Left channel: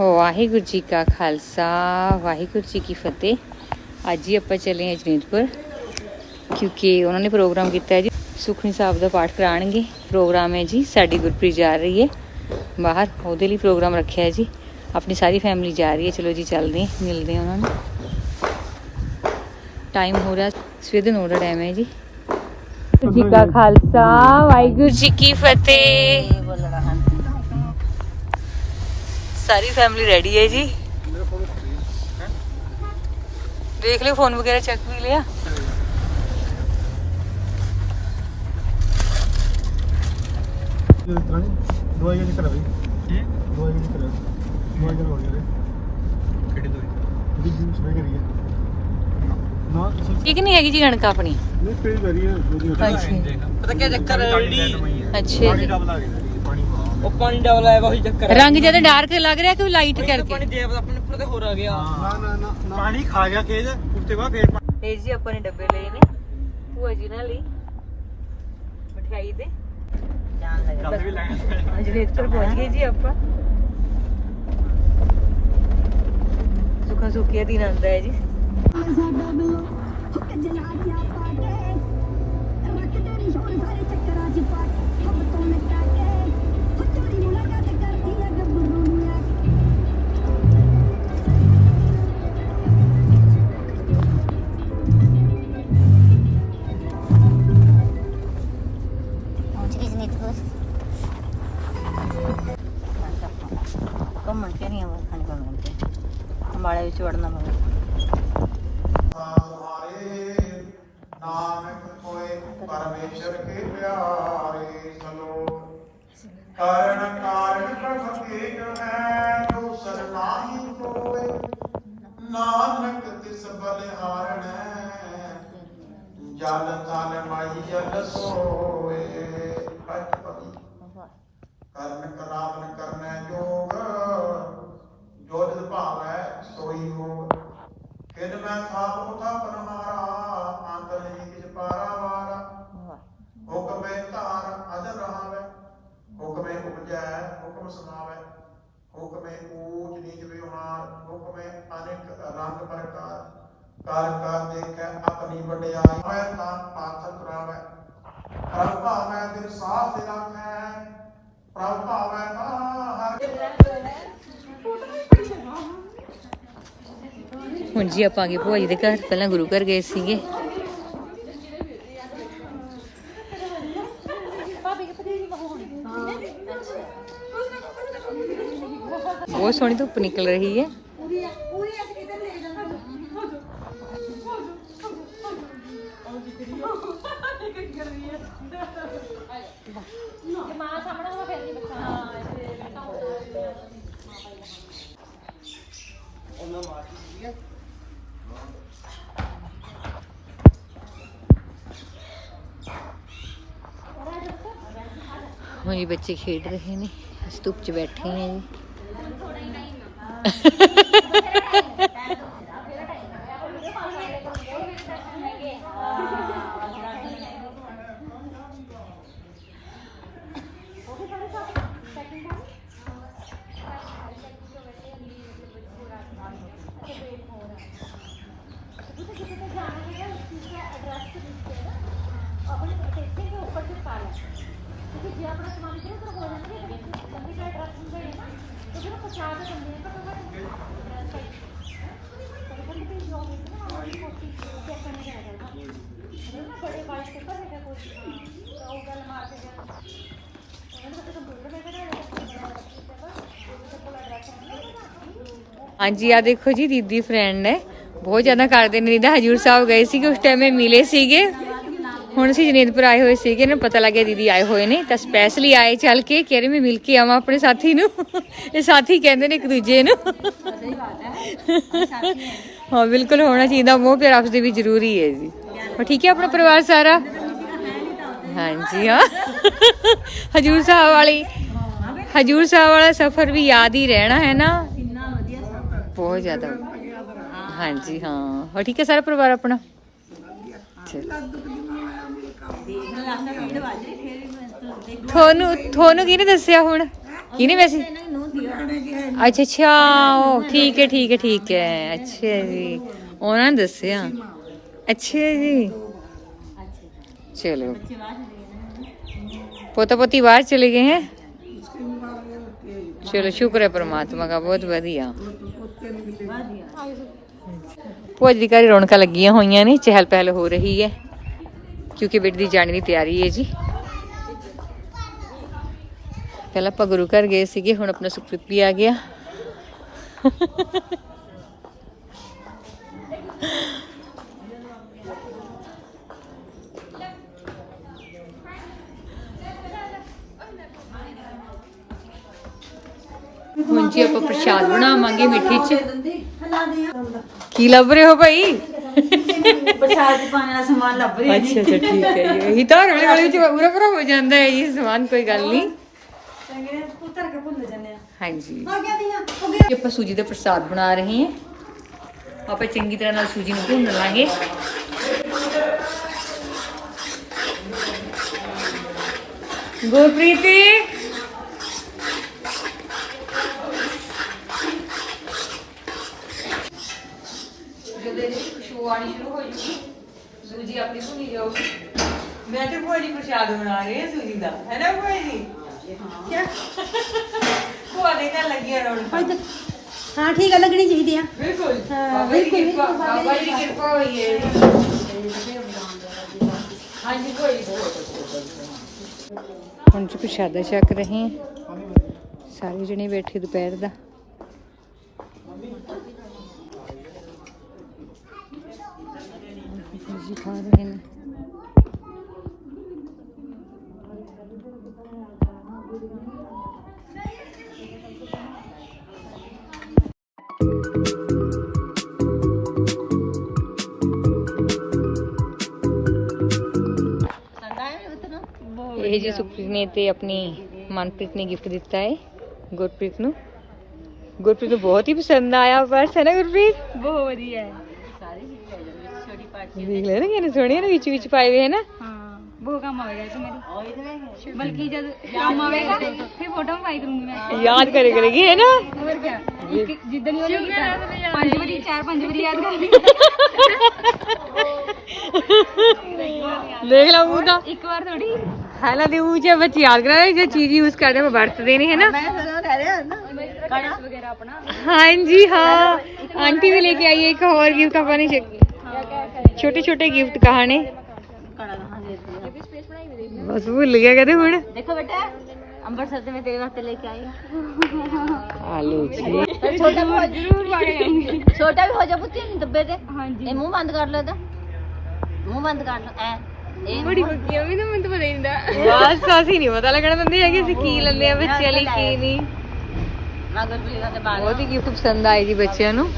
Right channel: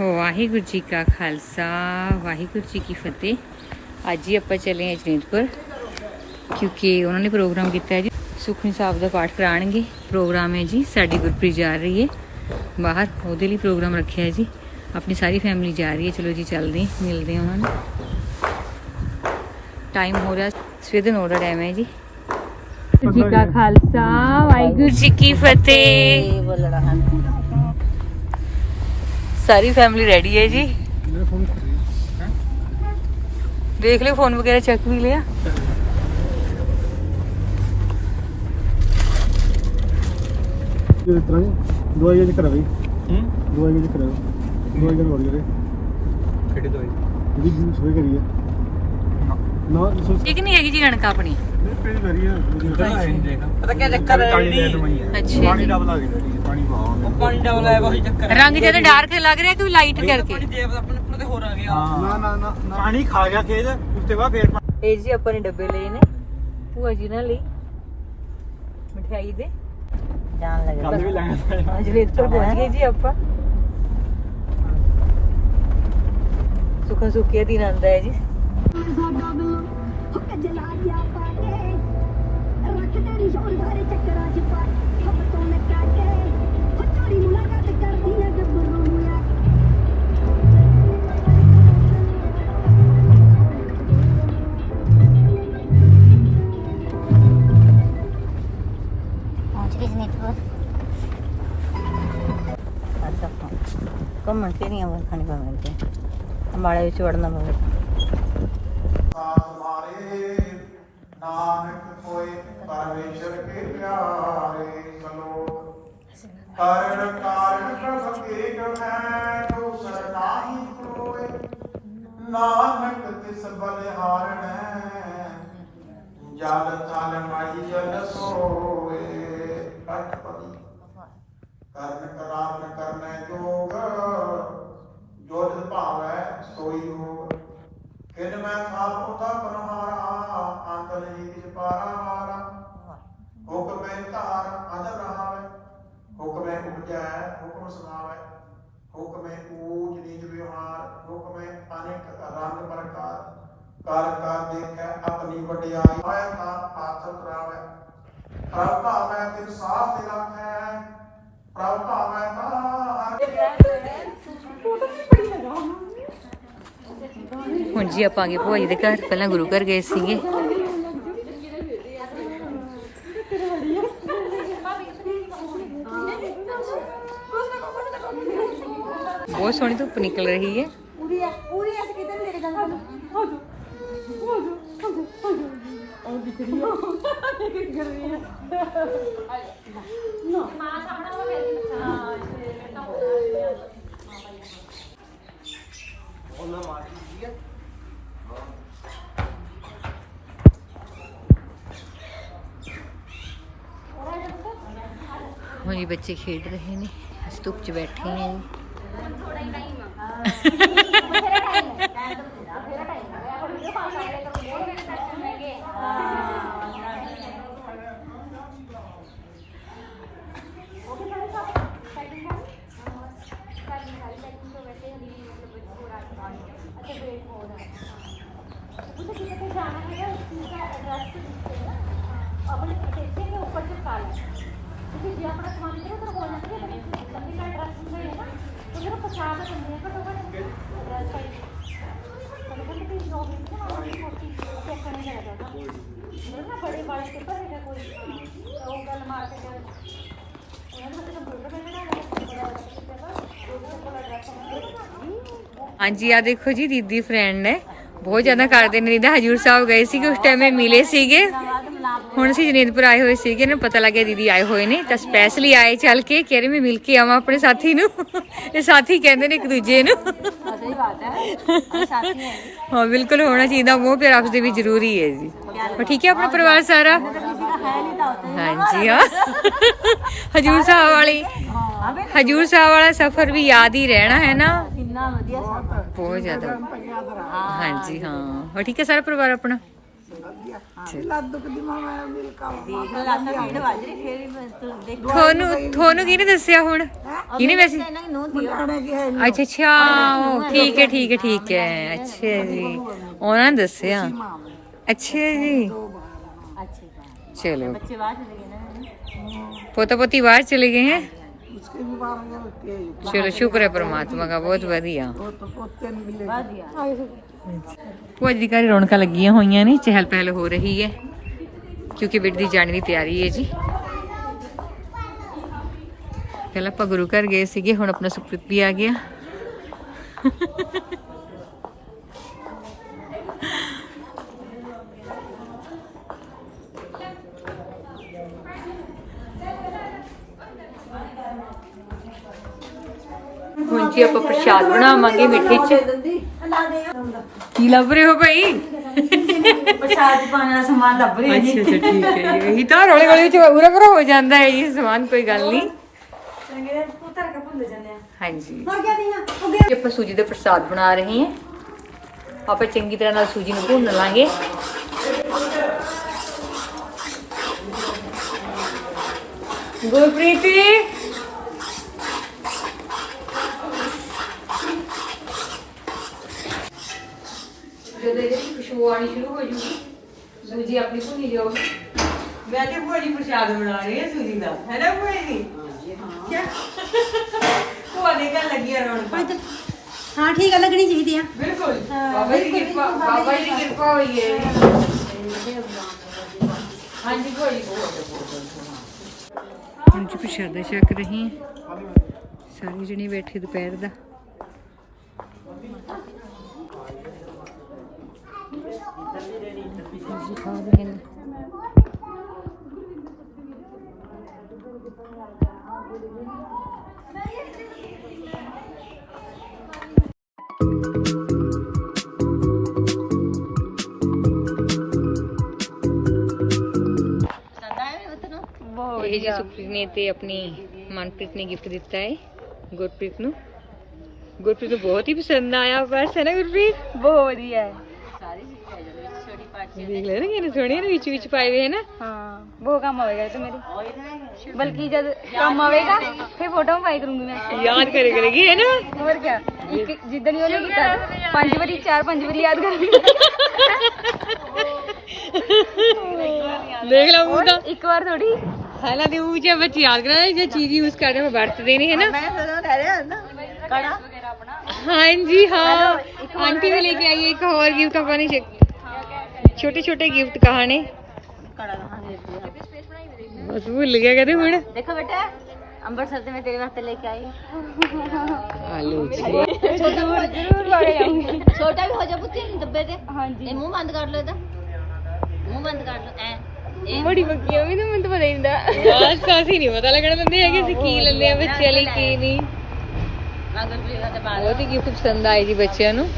ਵਾਹਿਗੁਰੂ ਜੀ ਕਾ ਖਾਲਸਾ, ਵਾਹਿਗੁਰੂ ਜੀ ਕੀ ਫਤਿਹ। ਅੱਜ ਹੀ ਆਪਾਂ ਚੱਲੇ ਹਾਂ ਜਨੇਤਪੁਰ, ਕਿਉਂਕਿ ਉਹਨਾਂ ਨੇ ਪ੍ਰੋਗਰਾਮ ਕੀਤਾ ਹੈ ਜੀ। ਸੁਖਨੀ ਸਾਹਿਬ ਦਾ ਪਾਠ ਕਰਾਣਗੇ ਪ੍ਰੋਗਰਾਮ ਹੈ ਜੀ, ਸਾਡੀ ਗੁਰਪ੍ਰੀਤ ਜਾ ਰਹੀ ਹੈ। ਬਾਹਰ ਉਹਦੇ ਲਈ ਪ੍ਰੋਗਰਾਮ ਰੱਖਿਆ ਹੈ ਜੀ। ਆਪਣੀ ਸਾਰੀ ਫੈਮਿਲੀ ਜਾ ਰਹੀ ਹੈ। ਚਲੋ ਜੀ, ਚੱਲਦੇ ਹਾਂ, ਮਿਲਦੇ ਹਾਂ ਉਹਨਾਂ ਨੂੰ। ਟਾਈਮ ਹੋ ਰਿਹਾ, ਸਵੇਰ ਦੇ 9 ਦਾ ਟਾਈਮ ਹੈ ਜੀ। ਜੀ ਕਾ ਖਾਲਸਾ, ਵਾਹਿਗੁਰੂ ਜੀ ਕੀ ਫਤਿਹ। ਸਾਰੀ ਫੈਮਿਲੀ ਰੈਡੀ ਹੈ ਜੀ ਦੇਖ ਲਿਓ ਫੋਨ ਵਗੈरह ਚੱਕ ਵੀ ਲਿਆ ਦਵਾਈ ਜੀ ਕਰਾ ਗਈ ਹੈ ਦਵਾਈ ਜੀ ਕਰਾ ਗਈ ਦਵਾਈ ਜੀ ਚੱਕਰ ਪਾਣੀ ਡਬਲ ਉਹ ਚੱਕਰ ਹੈ ਰੰਗ ਜ਼ਿਆਦਾ ਡਾਰਕ ਲੱਗ ਰਿਹਾ ਕਿ ਲਾਈਟ ਕਰਕੇ? ਪਾਣੀ ਦਾ ਆਪਣੇ ਉੱਪਰ ਤੇ ਹੋਰ ਆ ਗਿਆ। ਨਾ ਨਾ ਨਾ ਪਾਣੀ ਖਾ ਗਿਆ ਖੇਤ ਉਸ ਤੋਂ ਬਾਅਦ ਫੇਰ ਪਾਣੀ ਇਹ ਜੀ ਆਪਾਂ ਨੇ ਡੱਬੇ ਲਏ ਨੇ। ਭੂਆ ਜੀ ਨਾਲ ਲਈ ਮਠਿਆਈ ਦੇ। ਜਾਣ ਕੱਲ ਵੀ ਲੱਗਾ ਲੈਣਾ। ਅੱਜ ਰੇਤਰ ਪਹੁੰਚ ਗਏ ਜੀ ਆਪਾਂ। ਸੁੱਖਾ ਸੁੱਕੇ ਦਿਨ ਆਂਦਾ ਹੈ ਜੀ। ਘੁੰਮਣ കഴിച്ചു വിടുന്ന പോലെ परमेश्वर के प्यार ਸੋਈ ਹੋਗ ਕਿਨ ਮੈਂ ਥਾਪ ਉਥਾ ਪਰਮਾਰਾ ਅੰਤਰ ਜੀ ਕਿਛ ਪਾਰਾ ਮਾਰਾ ਹੁਕਮੈ ਧਾਰ ਅਦਰ ਰਹਾਵੈ ਹੁਕਮੈ ਉਪਜੈ ਹੁਕਮ ਸੁਨਾਵੈ ਹੁਕਮੈ ਊਚ ਨੀਚ ਵਿਵਹਾਰ ਹੁਕਮੈ ਅਨੇਕ ਰੰਗ ਪ੍ਰਕਾਰ ਕਾਲ ਕਾ ਦੇਖੈ ਆਪਣੀ ਵਡਿਆਈ ਹੋਇ ਤਾਂ ਪਾਤਰ ਕਰਾਵੈ ਪ੍ਰਭ ਭਾਵੈ ਤਿਨ ਸਾਥ ਰੱਖੈ ਪ੍ਰਭ ਭਾਵੈ ਤਾਂ ਹਰ ਹੁਣ ਜੀ ਆਪਾਂ ਆ ਗਏ ਭੂਆ ਜੀ ਦੇ ਘਰ, ਪਹਿਲਾਂ ਗੁਰੂ ਘਰ ਗਏ ਸੀਗੇ। ਬਹੁਤ ਸੋਹਣੀ ਧੁੱਪ ਨਿਕਲ ਰਹੀ ਹੈ। ਹੁਣ ਜੀ ਬੱਚੇ ਖੇਡ ਰਹੇ ਨੇ ਅਸੀਂ ਧੁੱਪ 'ਚ ਬੈਠੇ ਹਾਂ ਜੀ ਆਪਣੇ ਦੇਖੇ ਕੇ ਉੱਪਰ ਚੁਕਾ ਲੈ ਕਿਉਂਕਿ ਜੇ ਆਪਣਾ ਸਮਾਨ ਇਧਰ ਉਧਰ ਹੋ ਜਾਂਦਾ ਕਿ ਕੰਪਨੀ ਦਾ ਐਡਰੈਸ ਹੁੰਦਾ ਹੈ ਨਾ, ਤਾਂ ਫਿਰ ਪਛਾਣ ਦਿੰਦੇ ਆ, ਘੱਟੋ ਘੱਟ ਐਡਰੈਸ ਪਾਈ ਕਦੇ ਕਦੇ ਵੀ ਜੋ ਵੀ ਨਾ ਮਾਮਾ ਦੀ ਕੋਟੀ ਚੱਕਣੇ ਜਾਇਦਾ ਨਾ ਉਹ ਨਾ ਬੜੇ ਵਾਈਟ ਪੇਪਰ ਹੈਗਾ ਕੋਈ, ਤਾਂ ਉਹ ਗੱਲ ਮਾਰ ਕੇ ਜਾਏ ਉਹਨਾਂ ਦੇ ਵਿੱਚ ਕੰਪਿਊਟਰ ਤੇ ਬਣਾ ਲਿਆ ਬੜਾ ਬੜਾ ਪੇਪਰ ਜੋ ਵੀ ਕੋਲ ਐਡਰੈਸ ਹੁੰਦਾ ਹਾਂਜੀ ਆ ਦੇਖੋ ਜੀ, ਦੀਦੀ ਫਰੈਂਡ ਨੇ। ਬਹੁਤ ਜ਼ਿਆਦਾ ਕਰਦੇ ਨੇ। ਦੀਦਾ ਹਜੂਰ ਸਾਹਿਬ ਗਏ ਸੀਗੇ, ਉਸ ਟਾਈਮ ਇਹ ਮਿਲੇ ਸੀਗੇ। ਹੁਣ ਅਸੀਂ ਜਨੇਤਪੁਰ ਆਏ ਹੋਏ ਸੀਗੇ ਇਹਨਾਂ ਨੂੰ ਪਤਾ ਲੱਗਿਆ ਦੀਦੀ ਆਏ ਹੋਏ ਨੇ ਤਾਂ ਸਪੈਸ਼ਲੀ ਆਏ ਚੱਲ ਕੇ ਕਹਿ ਰਹੇ ਮੈਂ ਮਿਲ ਕੇ ਆਵਾਂ ਆਪਣੇ ਸਾਥੀ ਨੂੰ। ਇਹ ਸਾਥੀ ਕਹਿੰਦੇ ਨੇ ਇੱਕ ਦੂਜੇ ਨੂੰ। ਸਹੀ ਬਾਤ ਹੈ ਸਾਥੀ ਹੈ ਹਾਂ ਬਿਲਕੁਲ ਹੋਣਾ ਚਾਹੀਦਾ ਮੋਹ ਪਿਆਰ ਆਪਸ ਦੇ ਵੀ ਜ਼ਰੂਰੀ ਹੈ ਜੀ। ਹੋਰ ਠੀਕ ਹੈ ਆਪਣਾ ਪਰਿਵਾਰ ਸਾਰਾ? ਹੈ ਹਾਂਜੀ ਹਾਂ। ਹਜੂਰ ਸਾਹਿਬ ਵਾਲੀ ਹਾਂ ਹਜੂਰ ਸਾਹਿਬ ਵਾਲਾ ਸਫ਼ਰ ਵੀ ਯਾਦ ਹੀ ਰਹਿਣਾ ਹੈ ਨਾ। ਕਿੰਨਾ ਵਧੀਆ ਸਫ਼ਰ। ਬਹੁਤ ਜ਼ਿਆਦਾ। ਹਾਂਜੀ ਹਾਂ। ਹੋਰ ਠੀਕ ਹੈ ਸਾਰਾ ਪਰਿਵਾਰ ਆਪਣਾ? ਤੁਹਾਨੂੰ ਤੁਹਾਨੂੰ ਕਿਹਨੇ ਦੱਸਿਆ ਹੁਣ? ਵੈਸੇ? ਅੱਛਾ ਅੱਛਾ ਉਹ ਠੀਕ ਹੈ ਠੀਕ ਹੈ ਠੀਕ ਹੈ। ਅੱਛਾ ਜੀ। ਉਹਨਾਂ ਨੇ ਦੱਸਿਆ। ਅੱਛਾ ਜੀ। ਚਲੋ। ਪੋਤਾ ਪੋਤੀ ਬਾਹਰ ਚਲੇ ਗਏ ਹੈ? ਚਲੋ ਸ਼ੁਕਰ ਹੈ ਪਰਮਾਤਮਾ ਦਾ ਬਹੁਤ ਵਧੀਆ। ਭੂਆ ਜੀ ਘਰ ਰੌਣਕਾਂ ਲੱਗੀਆਂ ਹੋਈਆਂ ਨੇ ਚਹਿਲ ਪਹਿਲ ਹੋ ਰਹੀ ਹੈ, ਕਿਉਂਕਿ ਬੇਟੀ ਦੀ ਜਾਣ ਦੀ ਤਿਆਰੀ ਹੈ ਜੀ। ਪਹਿਲਾਂ ਆਪਾਂ ਗੁਰੂ ਘਰ ਗਏ ਸੀਗੇ, ਹੁਣ ਆਪਣਾ ਸੁਖਪ੍ਰੀਤ ਵੀ ਆ ਗਿਆ। ਹੁਣ ਜੀ ਆਪਾਂ ਪ੍ਰਸ਼ਾਦ ਬਣਾਵਾਂਗੇ ਮਿੱਠੇ ਚ। ਕੀ ਲੱਭ ਰਹੇ ਹੋ ਭਾਈ? ਪ੍ਰਸ਼ਾਦ ਚ ਪਾਉਣ ਵਾਲਾ ਸਮਾਨ ਲੱਭ ਰਿਹਾ ਅੱਛਾ ਅੱਛਾ ਠੀਕ ਹੈ ਜੀ। ਇਹੀ ਤਾਂ ਰੌਲੇ ਵਾਲੇ ਚ ਪੂਰਾ ਪੂਰਾ ਹੋ ਜਾਂਦਾ ਹੈ ਜੀ ਸਮਾਨ ਕੋਈ ਗੱਲ ਨਹੀਂ। ਹਾਂਜੀ ਹੋ ਗਿਆ ਨਹੀਂ ਆ। ਜੀ ਆਪਾਂ ਸੂਜੀ ਦਾ ਪ੍ਰਸਾਦ ਬਣਾ ਰਹੇ ਹਾਂ। ਆਪਾਂ ਚੰਗੀ ਤਰ੍ਹਾਂ ਨਾਲ ਸੂਜੀ ਨੂੰ ਭੁੰਨ ਲਾਂਗੇ। ਗੁਰਪ੍ਰੀਤੀ ਜਦੋਂ ਇਹਦੀ ਖੁਸ਼ਬੂ ਆਣੀ ਸ਼ੁਰੂ ਹੋ ਜੂਗੀ ਸੂਜੀ ਆਪਣੀ ਭੁੰਨੀ ਜਾਊਗੀ ਮੈਂ ਤੇ ਭੋਜੀ ਪ੍ਰਸ਼ਾਦ ਬਣਾ ਰਹੀ ਹਾਂ ਸੂਜੀ ਦਾ। ਹੈ ਨਾ ਭੋਜੀ ਤੁਹਾਡੇ ਤਾਂ ਲੱਗਿਆ ਰੌਣਕ। ਹਾਂ ਠੀਕ ਆ ਲੱਗਣੀ ਚਾਹੀਦੀ ਆ। ਬਿਲਕੁਲ। ਬਾਬਾ ਜੀ ਦੀ ਕਿਰਪਾ ਬਾਬਾ ਜੀ ਦੀ ਕਿਰਪਾ ਹੋਈ ਹੈ ਹਾਂਜੀ ਕੋਈ ਹਾਂਜੀ ਪ੍ਰਸ਼ਾਦਾ ਛਕ ਰਹੇ ਹਾਂ। ਸਾਰੇ ਜਣੇ ਬੈਠੇ ਦੁਪਹਿਰ ਦਾ। ਜੀ ਖਾ ਰਹੇ ਨੇ। ਇਹ ਜੀ ਸੁਖਪ੍ਰੀਤ ਨੇ ਤੇ ਆਪਣੀ ਮਨਪ੍ਰੀਤ ਨੇ ਗਿਫਟ ਦਿੱਤਾ ਹੈ, ਗੁਰਪ੍ਰੀਤ ਨੂੰ। ਗੁਰਪ੍ਰੀਤ ਨੂੰ ਬਹੁਤ ਹੀ ਪਸੰਦ ਆਇਆ ਪਰਸ ਹੈ ਨਾ ਗੁਰਪ੍ਰੀਤ? ਬਹੁਤ ਵਧੀਆ ਹੈ। ਦੇਖ ਲੈ ਨਾ ਕਿੰਨੇ ਸੋਹਣੇ ਨੇ ਵਿੱਚ ਵਿੱਚ ਪਾਏ ਹੋਏ ਹੈ ਨਾ ਹਾਂ ਬਹੁਤ ਕੰਮ ਆਵੇਗਾ ਤੇ ਮੇਰੀ। ਬਲਕਿ ਜਦ ਕੰਮ ਆਵੇਗਾ ਫੇ ਫੋਟੋ ਪਾਈ ਕਰੂੰਗੀ ਮੈਂ। ਯਾਦ ਕਰੇ ਕਰੇਗੀ ਹੈ ਨਾ ਹੋਰ ਕੀ ਹੀ ਉਹਨੇ ਕੀਤਾ ਪੰਜ ਵਾਰੀ ਚਾਰ ਪੰਜ ਵਾਰੀ ਯਾਦ ਕਰਦੀ ਦੇਖ ਲਓ ਮੂੰਹ ਦਾ। ਇੱਕ ਵਾਰ ਥੋੜੀ ਹਾਲਾਂ ਦੀ ਉਹ ਜੇ ਬੱਚੇ ਯਾਦ ਕਰਾ ਜੇ ਚੀਜ਼ ਯੂਜ਼ ਕਰਦੇ ਉਹ ਵਰਤਦੇ ਨੇ ਹੈ ਨਾ ਮੈਂ ਸਦਾ ਰਹਿ ਰਿਹਾ ਨਾ ਕੜਾ ਵਗੈਰਾ ਆਪਣਾ। ਹਾਂਜੀ ਹਾਂ। ਆਂਟੀ ਵੀ ਲੈ ਕੇ ਆਈ ਹੈ ਇੱਕ ਹੋਰ ਗਿਫਟ ਆਪਾਂ ਨੇ ਛੋਟੇ ਛੋਟੇ ਗਿਫਟ ਕਹਾਣੇ। ਦੇ ਬਸ ਭੁੱਲ ਗਿਆ ਕਦੇ ਹੁਣ। ਦੇਖੋ ਬੇਟਾ ਅੰਮ੍ਰਿਤਸਰ ਤੇ ਮੈਂ ਤੇਰੇ ਵਾਸਤੇ ਲੈ ਕੇ ਆਈ ਆਲੂ ਜੀ। ਛੋਟਾ ਵੀ ਹੋ ਜ਼ਰੂਰ ਬੜੇ ਛੋਟਾ ਵੀ ਹੋ ਜਾ ਪੁੱਤੀ ਦੱਬੇ ਤੇ। ਹਾਂਜੀ ਇਹ ਮੂੰਹ ਬੰਦ ਕਰ ਲਓ ਇਹਦਾ। ਮੂੰਹ ਬੰਦ ਕਰ ਲਓ ਐ। ਇਹ ਬੜੀ ਬੱਕੀ ਵੀ ਨਾ ਮੈਨੂੰ ਤਾਂ ਪਤਾ ਹੀ ਨਹੀਂ ਅਸੀਂ ਨਹੀਂ ਪਤਾ ਲੱਗਣਾ ਦਿੰਦੇ ਹੈਗੇ ਅਸੀਂ ਕੀ ਲੈਂਦੇ ਆ ਬੱਚਿਆਂ ਲਈ ਕੀ ਨਹੀਂ। ਮਗਰ ਵੀ ਉਹਦੇ ਬਾਲ ਬਹੁਤ ਹੀ ਗਿਫਟ ਪਸੰਦ ਆਏ ਜੀ ਬੱਚਿਆਂ ਨੂੰ।